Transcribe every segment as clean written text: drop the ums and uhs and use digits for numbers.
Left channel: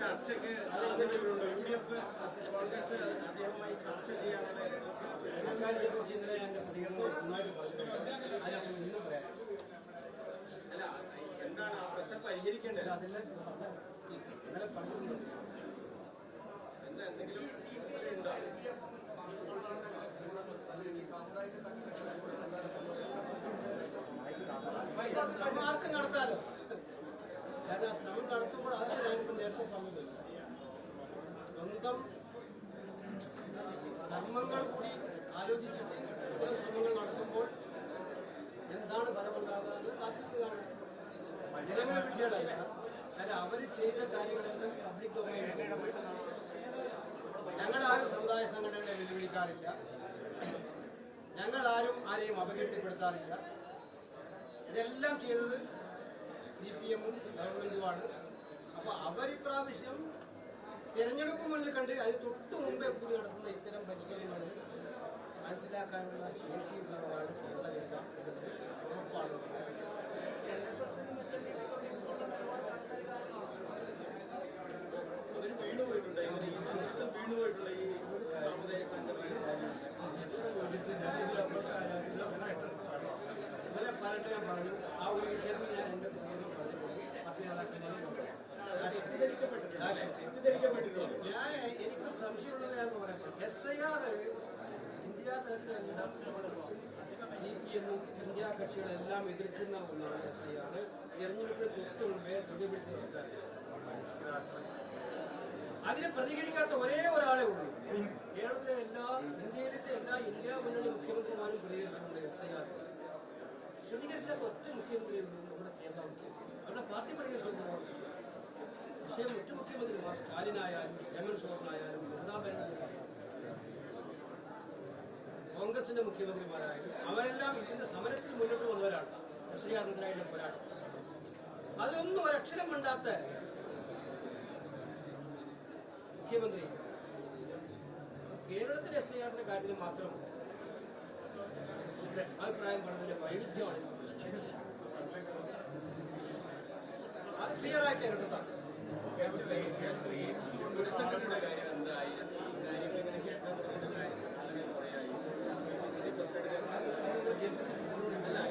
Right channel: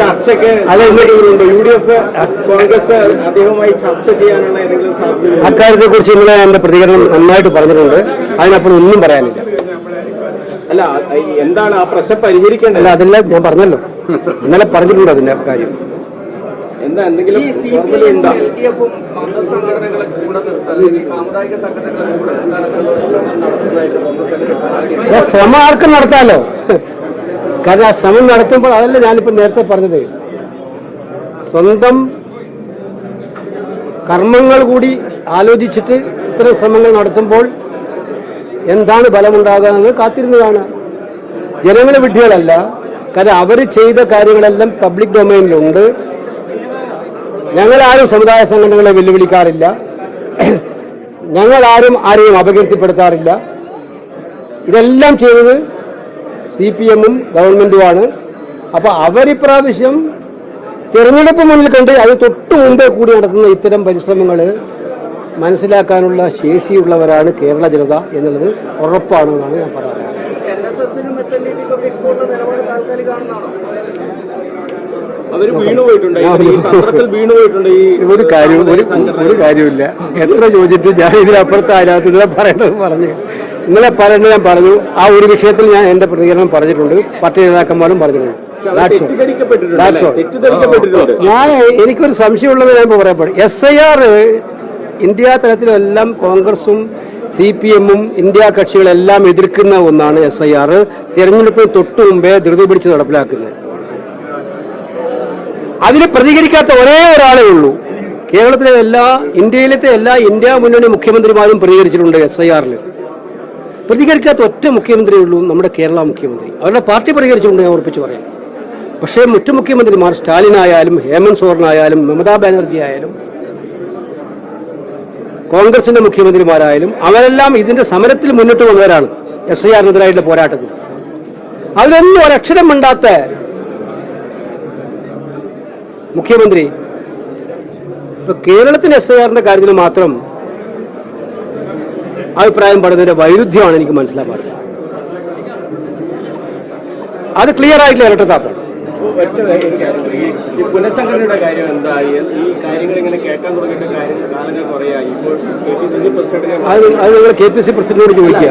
ചർച്ചയ്ക്ക് UDF കോൺഗ്രസ് അദ്ദേഹവുമായി ചർച്ച ചെയ്യാനുള്ള ഏതെങ്കിലും സാധ്യത? അക്കാര്യത്തെ കുറിച്ച് ഇന്നലെ എന്റെ പ്രതികരണം നന്നായിട്ട് പറഞ്ഞിട്ടുണ്ട്. അതിനപ്പുറം ഒന്നും പറയാനില്ല. അല്ല, എന്താണ് ആ പ്രശ്നം പരിഹരിക്കേണ്ടത്? അല്ല, അതെല്ലാം ഞാൻ പറഞ്ഞല്ലോ, ഇന്നലെ പറഞ്ഞിട്ടുണ്ട് അതിന്റെ കാര്യം. എന്താ എന്തെങ്കിലും ശ്രമം ആർക്കും നടത്താമല്ലോ. കാരണം ആ ശ്രമം നടത്തുമ്പോൾ അതല്ല ഞാനിപ്പോ നേരത്തെ പറഞ്ഞത്, സ്വന്തം കർമ്മങ്ങൾ കൂടി ആലോചിച്ചിട്ട് ഇത്തരം ശ്രമങ്ങൾ നടത്തുമ്പോൾ എന്താണ് ഫലമുണ്ടാകുക എന്നത് കാത്തിരുന്നതാണ്. ജനങ്ങളെ വിഡ്ഢികളല്ല. കാരണം അവർ ചെയ്ത കാര്യങ്ങളെല്ലാം പബ്ലിക് ഡൊമൈനിലുണ്ട്. ഞങ്ങളാരും സമുദായ സംഘടനകളെ വെല്ലുവിളിക്കാറില്ല. ഞങ്ങളാരും ആരെയും അപകീർത്തിപ്പെടുത്താറില്ല. ഇതെല്ലാം ചെയ്തത് CPM-ഉം ഗവൺമെന്റുമാണ്. അപ്പൊ അവരിപ്രാവശ്യം തിരഞ്ഞെടുപ്പ് മുന്നിൽ കണ്ട് അത് തൊട്ടു മുമ്പേ കൂടി നടത്തുന്ന ഇത്തരം പരിശ്രമങ്ങൾ മനസ്സിലാക്കാനുള്ള ശേഷിയുള്ളവരാണ് കേരള ജനത എന്നുള്ളത് ഉറപ്പാണെന്നാണ് ഞാൻ പറയുന്നത്. ഒരു കാര്യമില്ല. എത്ര ചോദിച്ചിട്ട് ഞാൻ ഇതിനപ്പുറത്ത് അതിനകത്ത് ഇന്നലെ പറയേണ്ടത് പറഞ്ഞു. ഇന്നലെ പറയേണ്ടത് ഞാൻ പറഞ്ഞു. ആ ഒരു വിഷയത്തിൽ ഞാൻ എന്റെ പ്രതികരണം പറഞ്ഞിട്ടുണ്ട്. പാർട്ടി നേതാക്കന്മാരും പറഞ്ഞിട്ടുണ്ട്. എനിക്കൊരു സംശയമുള്ളത് ഞാൻ പറയപ്പെടും. SIR ഇന്ത്യ തലത്തിലെല്ലാം കോൺഗ്രസും CPM-ഉം ഇന്ത്യ കക്ഷികളെല്ലാം എതിർക്കുന്ന ഒന്നാണ്. SIR തിരഞ്ഞെടുപ്പിന് തൊട്ടു മുമ്പേ ധൃതി പിടിച്ച് നടപ്പിലാക്കുന്നത്. അതിന് പ്രതികരിക്കാത്ത ഒരേ ഒരാളേ ഉള്ളൂ. കേരളത്തിലെ ഇന്ത്യയിലത്തെ എല്ലാ ഇന്ത്യ മുന്നണി മുഖ്യമന്ത്രിമാരും പ്രതികരിച്ചിട്ടുണ്ട്. SIR-ൽ പ്രതികരിക്കാത്ത ഒറ്റ മുഖ്യമന്ത്രിയേ ഉള്ളൂ, നമ്മുടെ കേരള മുഖ്യമന്ത്രി. അവരുടെ പാർട്ടി പ്രതികരിച്ചിട്ടുണ്ട്, ഞാൻ ഉറപ്പിച്ച് പറയാം. പക്ഷേ മറ്റു മുഖ്യമന്ത്രിമാർ, സ്റ്റാലിനായാലും ഹേമന്ത് സോറനായാലും മമതാ ബാനർജി ആയാലും കോൺഗ്രസിന്റെ മുഖ്യമന്ത്രിമാരായാലും അവരെല്ലാം ഇതിന്റെ സമരത്തിൽ മുന്നിട്ട് വന്നവരാണ്. SIR-നെതിരായിട്ടുള്ള പോരാട്ടത്തിൽ അതിലൊന്നും ഒരക്ഷരം മിണ്ടാത്ത മുഖ്യമന്ത്രി ഇപ്പൊ കേരളത്തിന് SIR-ന്റെ കാര്യത്തിൽ മാത്രം അഭിപ്രായം പറയുന്നതിന്റെ വൈരുദ്ധ്യമാണ് എനിക്ക് മനസ്സിലാക്കാത്തത്. അത് ക്ലിയർ ആയിട്ടില്ല ഇരട്ടത്താപ്പ്. പുനഃസംഘടനയുടെ കാര്യം എന്തായി? ഈ കാര്യങ്ങൾ ഇങ്ങനെ കേൾക്കാൻ തുടങ്ങിയിട്ട് കാലങ്ങൾ കുറയായി. ഇപ്പോൾ അത് നിങ്ങൾ KPC പ്രസിഡന്റിനോട് ചോദിക്കുക.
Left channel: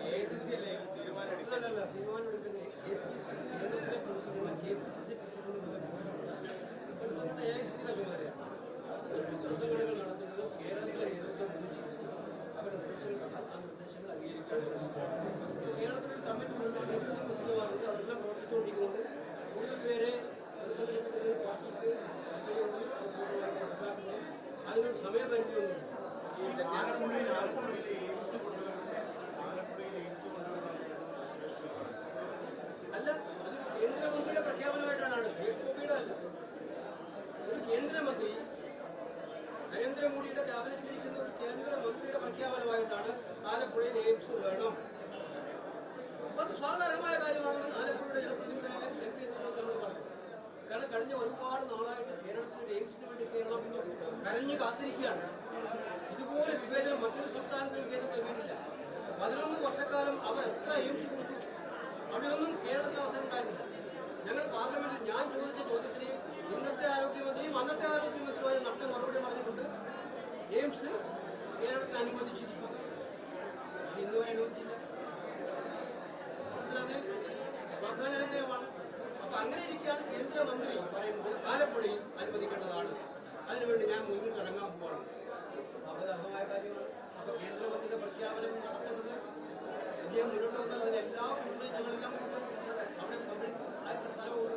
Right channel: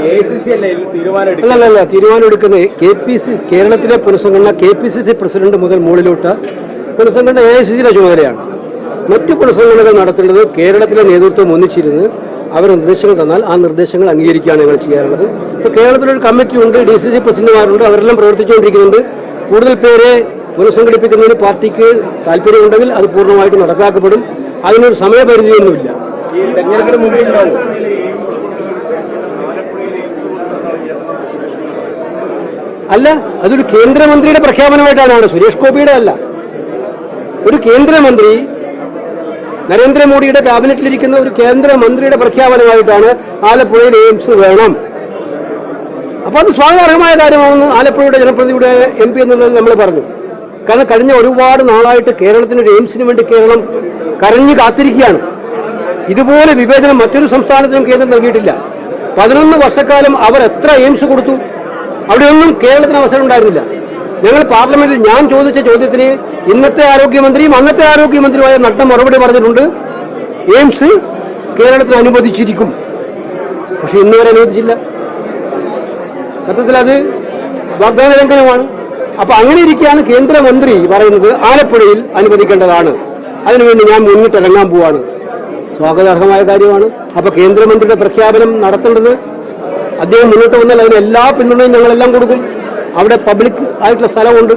അല്ലല്ല, തീരുമാനം എടുക്കുന്നത് കേരളത്തിലെ പുനഃസംഘടന KPCC പ്രസിഡന്റ് മുതൽ മുകളിലോട്ട് പുനഃസംഘടന AICC-യുടെ ചുമതലയാണ്. മറ്റു പുനഃസംഘടനകൾ നടത്തേണ്ടത് കേരളത്തിലെ നേതൃത്വം ഒന്നിച്ചിരുന്ന് അവർ നിർദ്ദേശങ്ങൾ തന്നാൽ ആ നിർദ്ദേശങ്ങൾ അംഗീകരിക്കുകയാണ് ഞങ്ങൾ ചെയ്യാറുള്ളത്. ഇപ്പോൾ കേരളത്തിലൊരു കമ്മിറ്റി ഉണ്ട്, DCC പ്രസിഡന്റുമാരുണ്ട്, അവരെല്ലാം പ്രവർത്തിച്ചുകൊണ്ടിരിക്കുന്നുണ്ട്. കൂടുതൽ പേരെ പുനഃസംഘടിപ്പിക്കുന്നതിന് പാർട്ടിക്ക് താല്പര്യമുണ്ടെങ്കിൽ അത് പൂർണ്ണമായിട്ട് നടപ്പാക്കപ്പെടും. അതിനൊരു സമയപരിധിയൊന്നുമില്ല. അല്ല, അതൊരു കേന്ദ്രമന്ത്രിയുടെ പ്രഖ്യാപനമായിട്ടാണ്, സുരേഷ് ഗോപിയുടെ അല്ല. ഒരു കേന്ദ്രമന്ത്രി, നരേന്ദ്രമോദിയുടെ ക്യാബിനറ്റിലിരിക്കുന്ന ഒരു കേന്ദ്രമന്ത്രിയുടെ പ്രഖ്യാപനമായിട്ടാണ് ആലപ്പുഴയിൽ എയിംസ് വേണം. അപ്പൊ അത് സ്വാഗതാർഹമായ കാര്യമാണെന്ന് ആലപ്പുഴയുടെ ജനപ്രതിനിധിയുടെ MP എന്നുള്ളത് നമ്മൾ പറഞ്ഞു. കാരണം കഴിഞ്ഞ ഒരുപാട് നാളായിട്ട് കേരളത്തിന് ഒരു എയിംസിന് വേണ്ടി കേരളം കരഞ്ഞു കാത്തിരിക്കുകയാണ്. ഇതുപോലെ വിവേചനം മറ്റൊരു സംസ്ഥാനത്തിനും കേന്ദ്രം നൽകിയിട്ടില്ല. 11 വർഷക്കാലം അവർ എത്ര എയിംസ് കൊടുത്തു? അവിടെയൊന്നും കേരളത്തിന് അവസരം ഉണ്ടായിരുന്നില്ല. ഞങ്ങൾ പാർലമെന്റിൽ ഞാൻ ചോദിച്ച ചോദ്യത്തിന് ഇന്നത്തെ ആരോഗ്യമന്ത്രിയും അന്നത്തെ ആരോഗ്യമന്ത്രിയുമായ നഡ്ഡ മറുപടി പറഞ്ഞിട്ടുണ്ട്, എയിംസ് കേരളത്തിന് അനുവദിച്ചിരിക്കും. പക്ഷെ ഇന്നുവരെ അനുവദിച്ചില്ല. സത്യത്തിൽ അത് വാഗ്ദാന ലംഘനമാണ്. അപ്പൊ അങ്ങനെ ഇരിക്കുകയാണ് കേന്ദ്രമന്ത്രി പറയുന്നത് ആലപ്പുഴയിൽ അനുവദിക്കേണ്ടതാണ്, അതിനുവേണ്ടി ഞാൻ മുന്നിട്ടിറങ്ങാൻ പോവാണ്. സ്വാഗതാർഹമായ കാര്യമാണ്. അപ്പൊ കേന്ദ്രമന്ത്രിയുടെ പ്രഖ്യാപനം നടത്തേണ്ടത് അദ്ദേഹം മുന്നോട്ട് വന്നാൽ അതിന് എല്ലാ പിന്തുണയും ഞങ്ങളെല്ലാം കൊടുക്കും. അവിടെ പബ്ലിക് ആയിട്ടുള്ള സ്ഥലമുണ്ട്,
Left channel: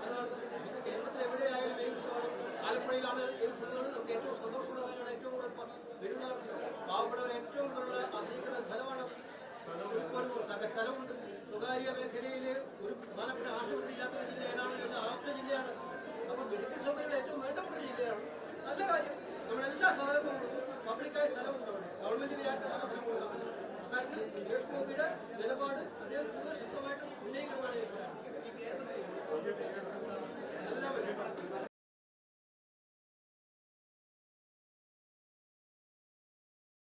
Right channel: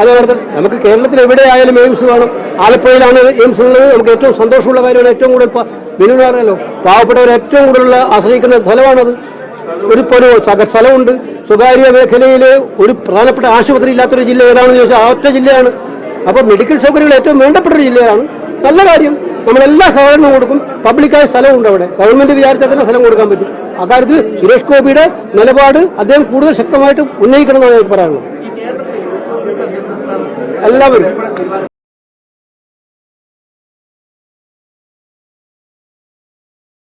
അത് നടത്തണം. നമുക്ക് കേരളത്തിൽ എവിടെയായാലും എയിംസ് വേണം. ആലപ്പുഴയിലാണ് എയിംസ് ഉള്ളത്. നമുക്ക് ഏറ്റവും സന്തോഷമുള്ള കാര്യമാണ്. ഏറ്റവും കൂടുതൽ വിനോദമല്ലോ പാവപ്പെട്ടവർ ഏറ്റവും കൂടുതൽ ആശ്രയിക്കുന്ന സ്ഥലമാണത്. ഒരു സ്ഥലമുണ്ട്. സ്വകാര്യ മേഖലയിൽ ഒരു പ്രധാനപ്പെട്ട ആശുപത്രി ഇല്ലാത്തൊരു ജില്ല ഏതാണെന്ന് ചോദിച്ചാൽ ആ ഒറ്റ ജില്ലയാണ്. അപ്പോൾ മെഡിക്കൽ സൗകര്യങ്ങൾ ഏറ്റവും വേണ്ടപ്പെട്ട ഒരു ജില്ലയാണ്. നല്ല കാര്യം. നമ്മളെല്ലാ സഹകരണവും കൊടുക്കും. പബ്ലിക്കായ സ്ഥലമുണ്ട് അവിടെ. ഗവൺമെന്റ് വിചാരിച്ചാൽ തന്നെ സ്ഥലം കൊടുക്കാൻ പറ്റും. അക്കാര്യത്തിൽ സുരേഷ് ഗോപിയുടെ നിലപാട് അദ്ദേഹം കൂടുതൽ ശക്തമായിട്ട് ഉന്നയിക്കണമെന്നാണ് പറയാനുള്ളത്. എല്ലാവരും